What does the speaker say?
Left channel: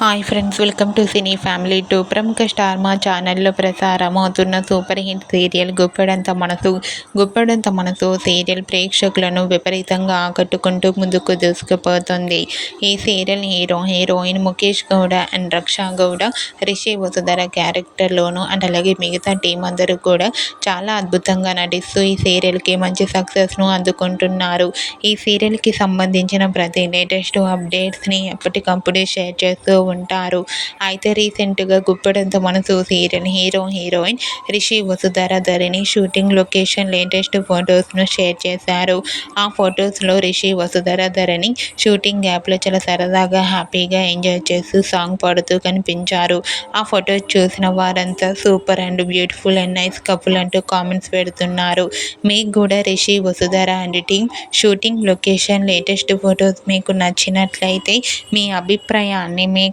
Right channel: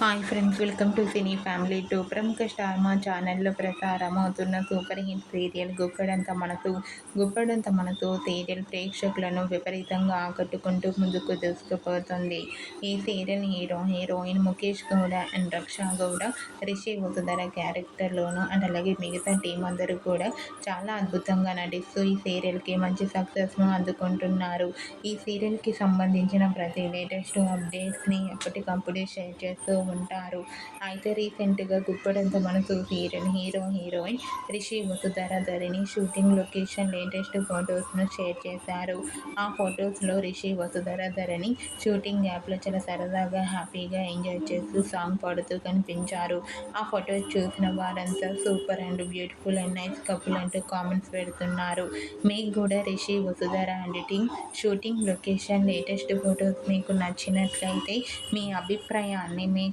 Hi friends welcome to cine family to. ప్రముఖ star Maa ఛానల్లో ప్రసారం అవుతున్న సూపర్ హిట్ సీరియల్ గుప్పెడంత మనసు గుప్పెడంత మనసు సీరియల్ ప్రేక్షకులను విపరీతంగా ఆకట్టుకుంటూ ముందుకు దూసుకుపోతుంది. ఈ serial hero heroine Mukesh Gowda and Raksha Gowda Rishi Vasudhara క్యారెక్టర్లోను and అలాగే మిగతా టీం అందరూ కూడా చాలా అద్భుతంగా నటిస్తూ ఈ సీరియల్కి మంచి సక్సెస్ను అందుకుంటున్నారు. ఈ సీరియల్కి సంబంధించిన ప్రతి లేటెస్ట్ అప్డేట్స్ని ఎప్పటికప్పుడు షేర్ చేస్తూ ఉంటారు. అయితే రీసెంట్గా గుప్పెడంత మన serial hero heroine Rishi Vasudhara ధరిని shooting location latest ఫొటోస్ను షేర్ చేశారు. ఆ ఫొటోస్లో రిషి వసుధర ధరిని షూటింగ్ యాప్లో చాలా సరదాగా హ్యాపీగా ఎంజాయ్ చేస్తూ సాంగ్ పాడుతూ కనిపించారు. ఆ ఫొటోస్ చూసిన వారంతా super and beautiful and nice couple అంటూ కామెంట్స్ పెడుతున్నారు. మీకు కూడా Rishi Vasudhara and team shooting location latest photos మీకు నచ్చినట్లయితే మీ అభిప్రాయాన్ని మీ